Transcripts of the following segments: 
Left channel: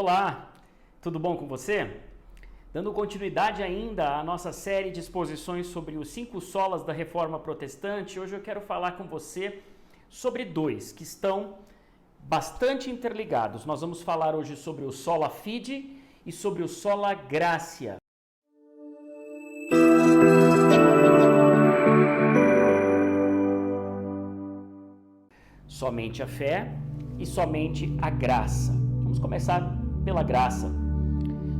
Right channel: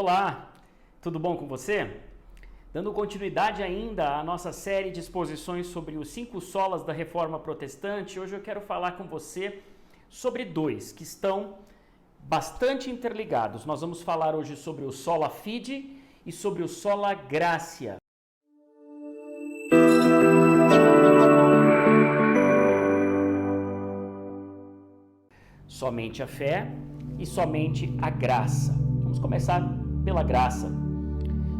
Olá, tudo bom com você? Dando continuidade ainda à nossa série de exposições sobre os 5 solas da Reforma Protestante, hoje eu quero falar com você sobre 2 que estão bastante interligados. Nós vamos falar hoje sobre o sola fide e sobre o sola gratia. Somente a fé e somente a graça. Vamos começar pela graça.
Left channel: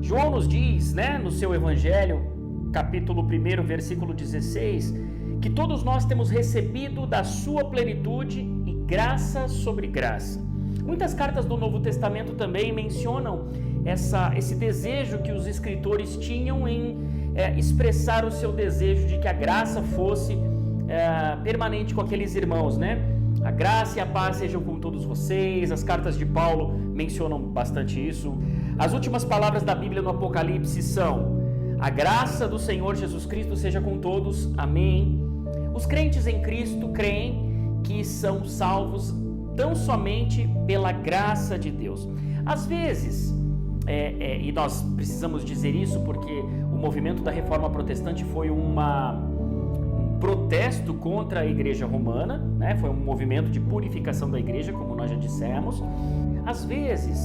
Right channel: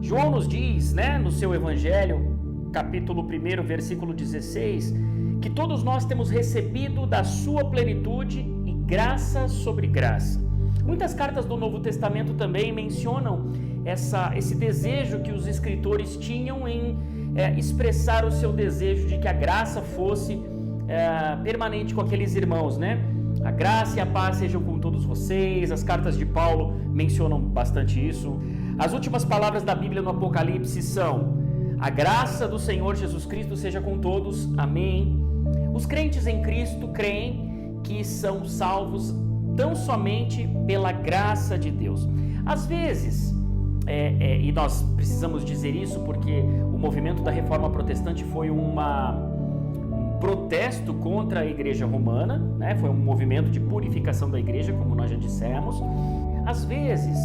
João nos diz, no seu Evangelho, capítulo 1, versículo 16, que todos nós temos recebido da sua plenitude e graça sobre graça. Muitas cartas do Novo Testamento também mencionam esse desejo que os escritores tinham em expressar o seu desejo de que a graça fosse permanente com aqueles irmãos, A graça e a paz sejam com todos vocês. As cartas de Paulo mencionam bastante isso. As últimas palavras da Bíblia no Apocalipse são: a graça do Senhor Jesus Cristo seja com todos. Amém. Os crentes em Cristo creem que são salvos tão somente pela graça de Deus. Às vezes, e nós precisamos dizer isso porque o movimento da Reforma Protestante foi um protesto contra a Igreja Romana, foi um movimento de purificação da Igreja, como nós já dissemos. Às vezes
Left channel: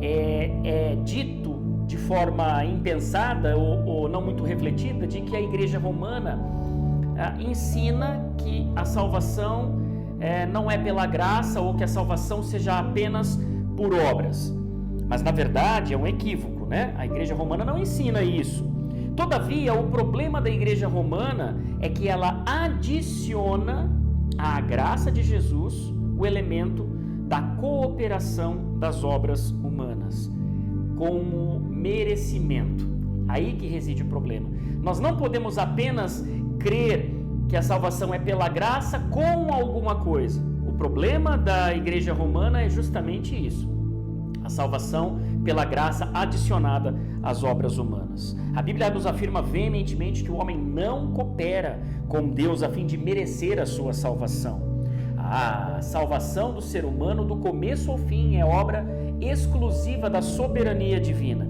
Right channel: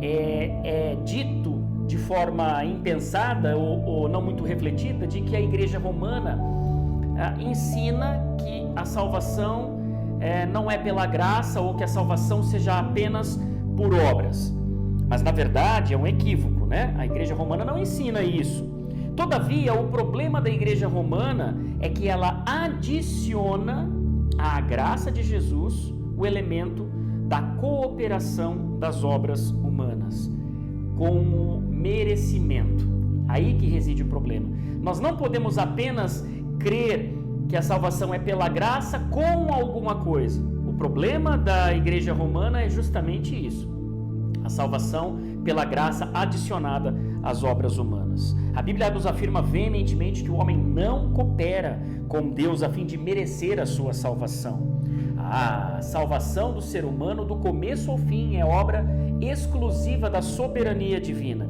é dito de forma impensada ou não muito refletida de que a Igreja Romana ensina que a salvação não é pela graça ou que a salvação seja apenas por obras. Mas na verdade é um equívoco, A Igreja Romana não ensina isso. Todavia, o problema da Igreja Romana é que ela adiciona à graça de Jesus o elemento da cooperação das obras humanas, como merecimento. Aí que reside o problema. Nós não podemos apenas crer que a salvação é pela graça com alguma coisa. O problema da Igreja Romana é justamente isso. A salvação pela graça adicionada às obras humanas. A Bíblia nos afirma veementemente que o homem não coopera com Deus a fim de merecer a sua salvação. A salvação do ser humano, do começo ao fim, é obra exclusiva da soberania divina.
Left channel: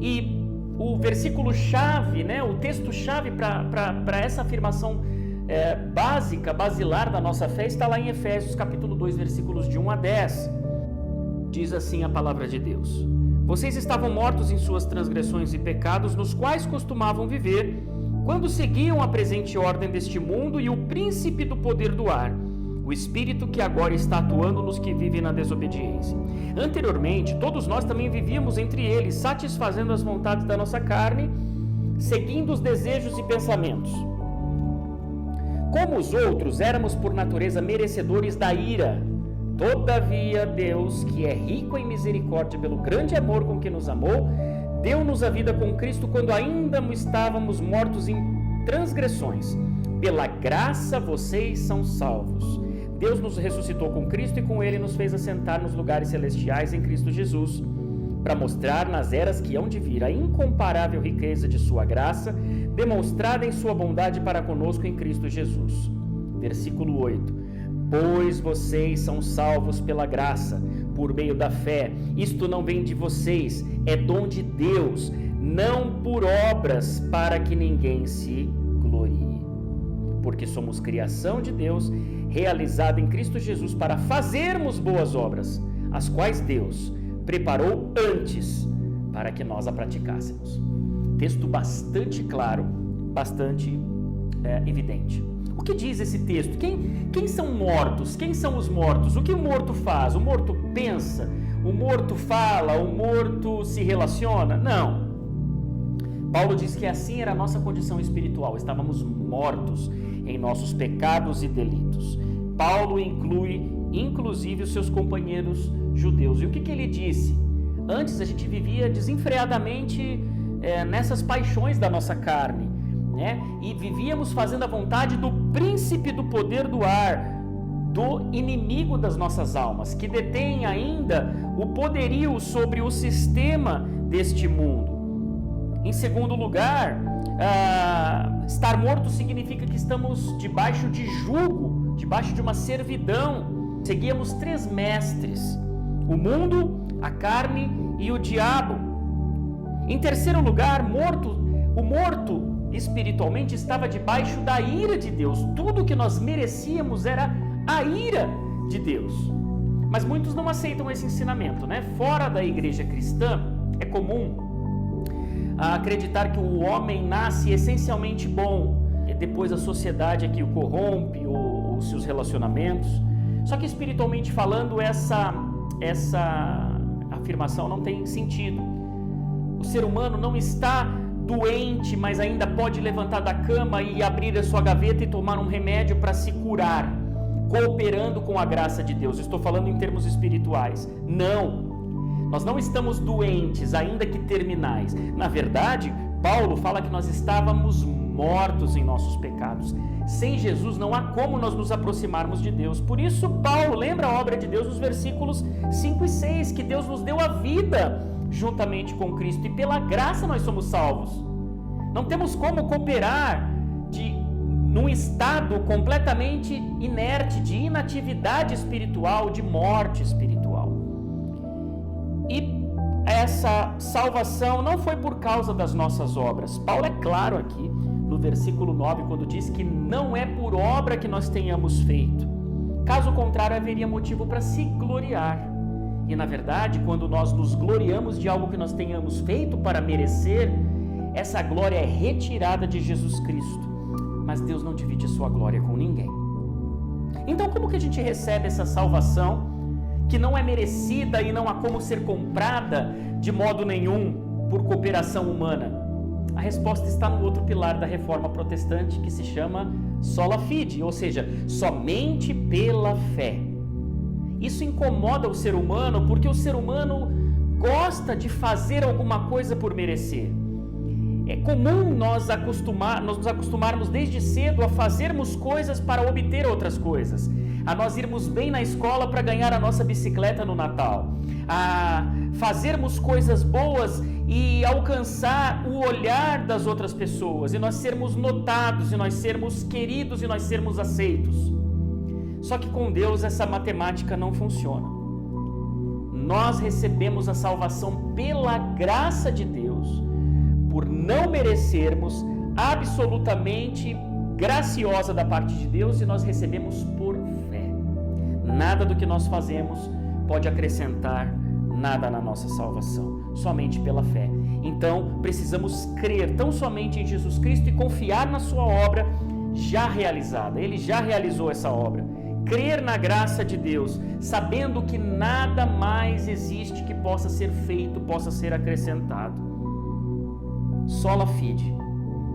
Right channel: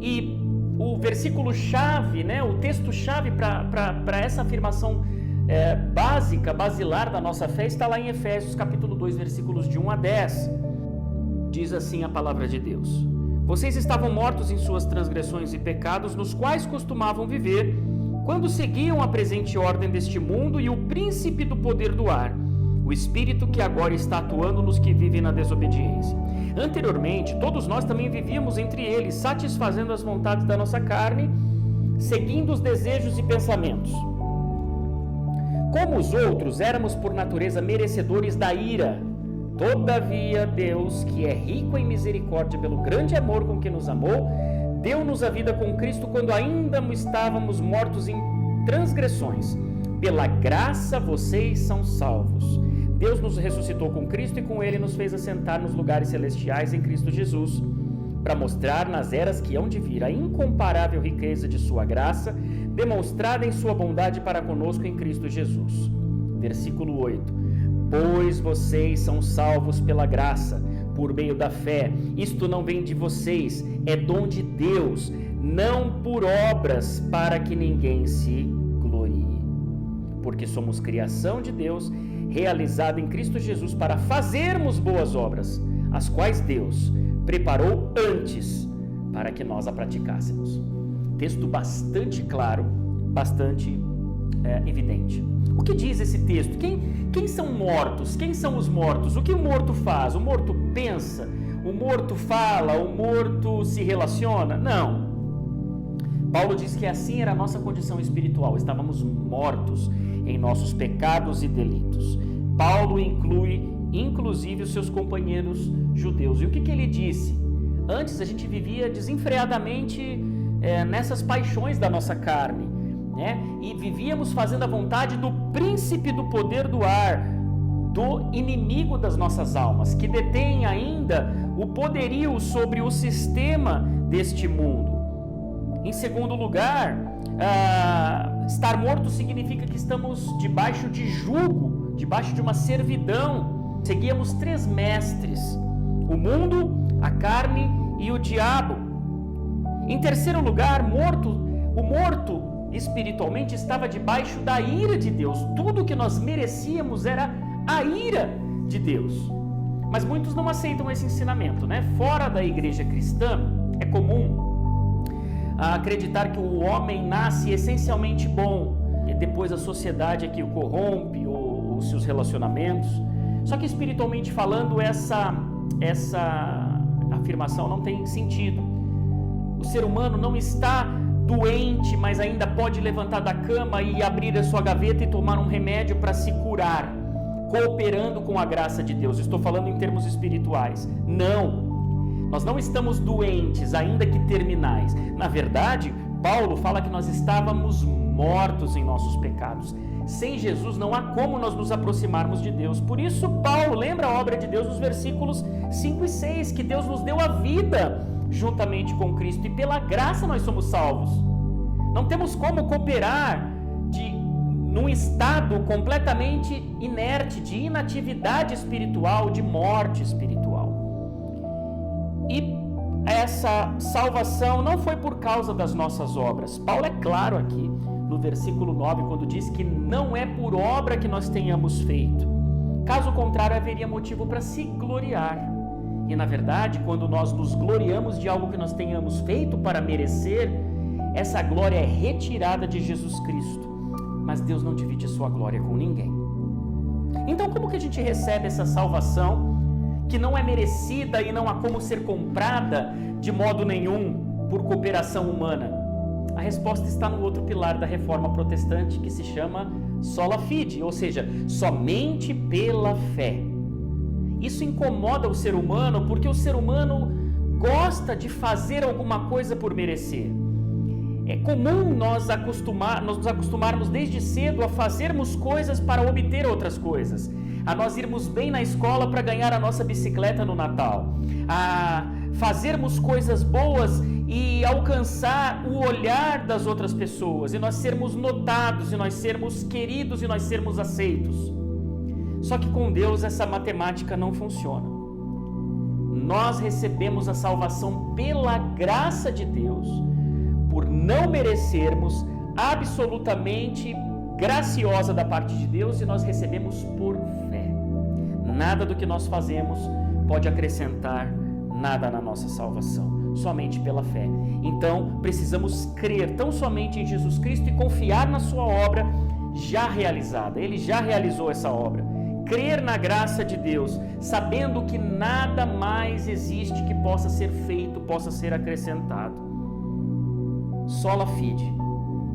E o versículo-chave, o texto-chave para essa afirmação basilar da nossa fé está lá em Efésios capítulo 2, versículos de 1 a 10. Diz assim a palavra de Deus: vocês estavam mortos em suas transgressões e pecados, nos quais costumavam viver, quando seguiam a presente ordem deste mundo e o príncipe do poder do ar, o espírito que agora está atuando nos que vivem na desobediência. Anteriormente, todos nós também vivíamos entre eles, satisfazendo as vontades da nossa carne, seguindo os desejos e pensamentos. Como os outros, éramos por natureza merecedores da ira. Todavia, Deus, que é rico em misericórdia pelo grande amor com que nos amou, deu-nos a vida com Cristo quando ainda estávamos mortos em transgressões. Pela graça vocês são salvos. Deus nos ressuscitou com Cristo e com Ele nos fez assentar nos lugares celestiais em Cristo Jesus, para mostrar nas eras que hão de vir a incomparável riqueza de sua graça, demonstrada em sua bondade para conosco em Cristo Jesus. Versículo 8. Pois vocês são salvos pela graça, por meio da fé. Isto não vem de vocês, é dom de Deus, não por obras, para que ninguém se glorie. Porque somos criação de Deus, realizada em Cristo Jesus, para fazermos boas obras, as quais Deus preparou antes para que nós a praticássemos. Texto bastante claro, bastante evidente. O que diz esse texto? Quem são mortos? Quem são os mortos? O que o morto faz? O morto pensa? O morto fala? O morto se relaciona? Não. Paulo diz que assim era a nossa condição espiritual. Estávamos mortos em nossos pecados e delitos. Paulo inclui, inclusive, os seus companheiros judeus. E o que ele disse? Antes a gente vivia desenfreadamente nessas paixões da nossa carne. E vivíamos fazendo a vontade do príncipe do poder do ar, do inimigo das nossas almas, que detém ainda o poderio sobre o sistema deste mundo. Em segundo lugar, estar morto significa que estamos debaixo de jugo, debaixo de uma servidão. Seguíamos 3 mestres: o mundo, a carne e o diabo. Em terceiro lugar, o morto espiritualmente estava debaixo da ira de Deus. Tudo que nós merecíamos era a ira de Deus. Mas muitos não aceitam esse ensinamento, né? Fora da igreja cristã, é comum acreditar que o homem nasce essencialmente bom, e depois a sociedade é que o corrompe, os seus relacionamentos. Só que espiritualmente falando, essa afirmação não tem sentido. O ser humano não está doente, mas ainda pode levantar da cama e abrir a sua gaveta e tomar um remédio para se curar, cooperando com a graça de Deus. Estou falando em termos espirituais. Não, nós não estamos doentes, ainda que terminais. Na verdade, Paulo fala que nós estávamos mortos em nossos pecados. Sem Jesus não há como nós nos aproximarmos de Deus. Por isso Paulo lembra a obra de Deus nos versículos 5 e 6, que Deus nos deu a vida juntamente com Cristo, e pela graça nós somos salvos. Não temos como cooperar num estado completamente inerte, de inatividade espiritual, de morte espiritual. E essa salvação não foi por causa das nossas obras. Paulo é claro aqui no versículo 9, quando diz que não é por obra que nós tenhamos feito. Caso contrário, haveria motivo para se gloriar. E na verdade, quando nós nos gloriamos de algo que nós tenhamos feito para merecer, essa glória é retirada de Jesus Cristo. Mas Deus não divide a sua glória com ninguém. Então, como que a gente recebe essa salvação que não é merecida e não há como ser comprada de modo nenhum por cooperação humana? A resposta está no outro pilar da reforma protestante, que se chama sola fide, ou seja, somente pela fé. Isso incomoda o ser humano, porque o ser humano gosta de fazer alguma coisa por merecer. É comum nós nos acostumarmos desde cedo a fazermos coisas para obter outras coisas, a nós irmos bem na escola para ganhar a nossa bicicleta no Natal, a fazermos coisas boas e alcançar o olhar das outras pessoas, e nós sermos notados, e nós sermos queridos, e nós sermos aceitos. Só que com Deus essa matemática não funciona. Nós recebemos a salvação pela graça de Deus, por não merecermos, absolutamente graciosa da parte de Deus, e nós recebemos por fé. Nada do que nós fazemos pode acrescentar nada na nossa salvação, somente pela fé. Então precisamos crer tão somente em Jesus Cristo e confiar na sua obra já realizada. Ele já realizou essa obra. Crer na graça de Deus, sabendo que nada mais existe que possa ser feito, possa ser acrescentado. Sola fide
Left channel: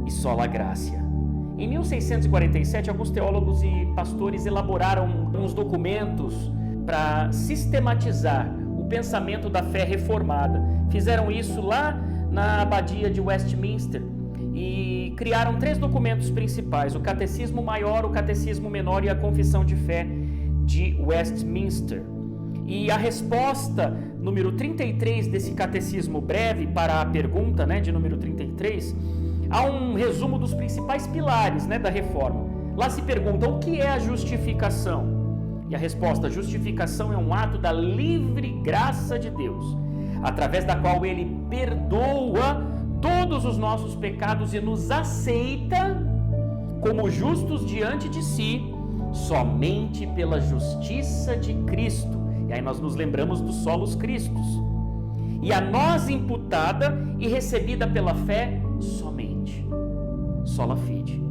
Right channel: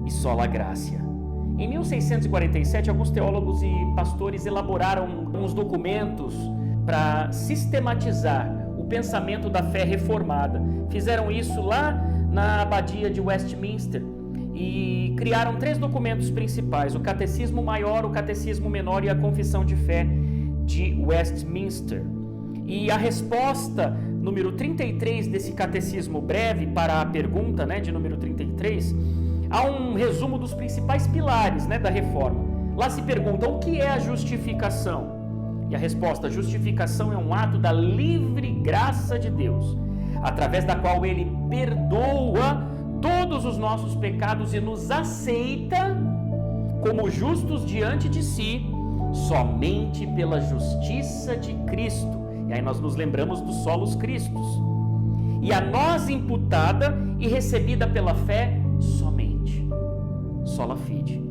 e sola gratia. Em 1647, alguns teólogos e pastores elaboraram uns documentos para sistematizar o pensamento da fé reformada. Fizeram isso lá na abadia de Westminster e criaram 3 documentos principais: o Catecismo Maior, o Catecismo Menor e a Confissão de Fé de Westminster. E a resposta número 33 desse catecismo breve para a pergunta, de número 33, há um resumo dos principais pilares, da reforma. Lá se pergunta: o que é a justificação? E a resposta: a justificação é um ato da livre graça de Deus, através da qual Ele perdoa todos os nossos pecados e nos aceita como justos diante de si, somente pela justiça de Cristo. E aí nós nos lembramos dos solos Cristos. E a nós imputada e recebida pela fé somente. Sola fide.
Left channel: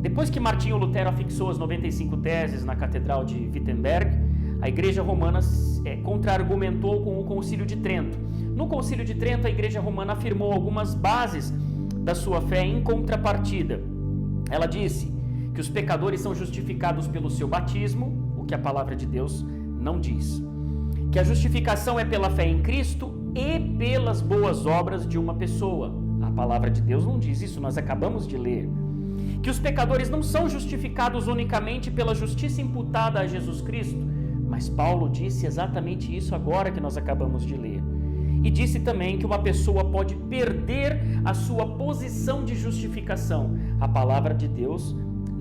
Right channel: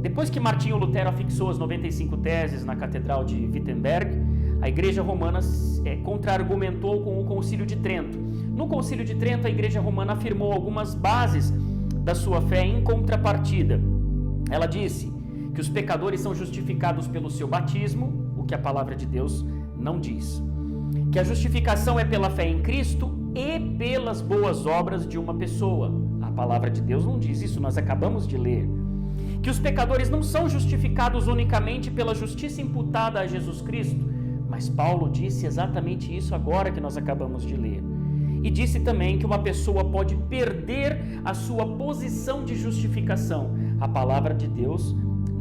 Depois que Martinho Lutero afixou as 95 teses na Catedral de Wittenberg, a Igreja Romana contra-argumentou com o Concílio de Trento. No Concílio de Trento, a Igreja Romana afirmou algumas bases da sua fé em contrapartida. Ela disse que os pecadores são justificados pelo seu batismo, o que a palavra de Deus não diz. Que a justificação é pela fé em Cristo e pelas boas obras de uma pessoa. A palavra de Deus não diz isso, nós acabamos de ler. Que os pecadores não são justificados unicamente pela justiça imputada a Jesus Cristo, mas Paulo disse exatamente isso agora que nós acabamos de ler. E disse também que uma pessoa pode perder a sua posição de justificação. A palavra de Deus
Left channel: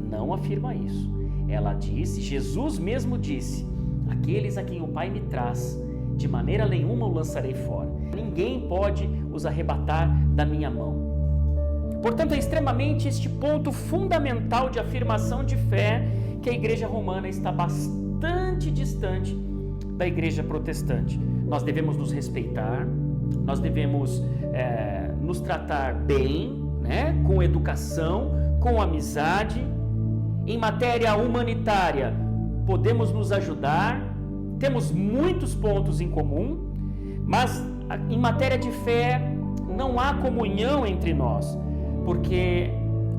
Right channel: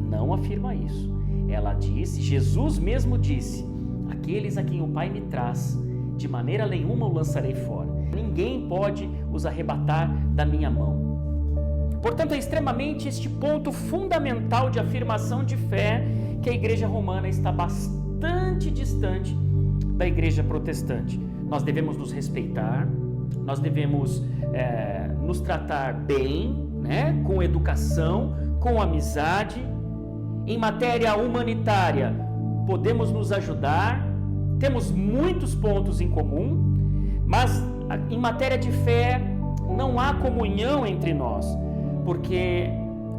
não afirma isso. Ela disse, Jesus mesmo disse: aqueles a quem o Pai me traz, de maneira nenhuma o lançarei fora. Ninguém pode os arrebatar da minha mão. Portanto, é extremamente este ponto fundamental de afirmação de fé que a igreja romana está bastante distante da igreja protestante. Nós devemos nos respeitar, nós devemos nos tratar bem, né? Com educação, com amizade. Em matéria humanitária, podemos nos ajudar, temos muitos pontos em comum, mas em matéria de fé não há comunhão entre nós, porque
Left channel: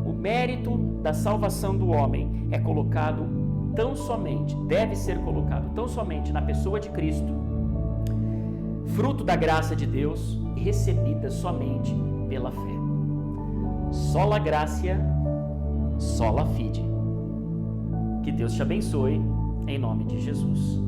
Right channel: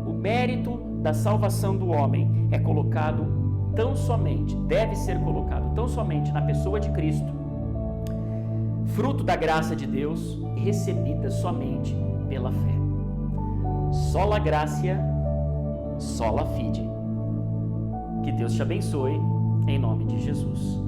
o mérito da salvação do homem é colocado deve ser colocado tão somente na pessoa de Cristo, fruto da graça de Deus, recebida somente pela fé. Sola gratia, sola fide. Que Deus te abençoe, em nome de Jesus.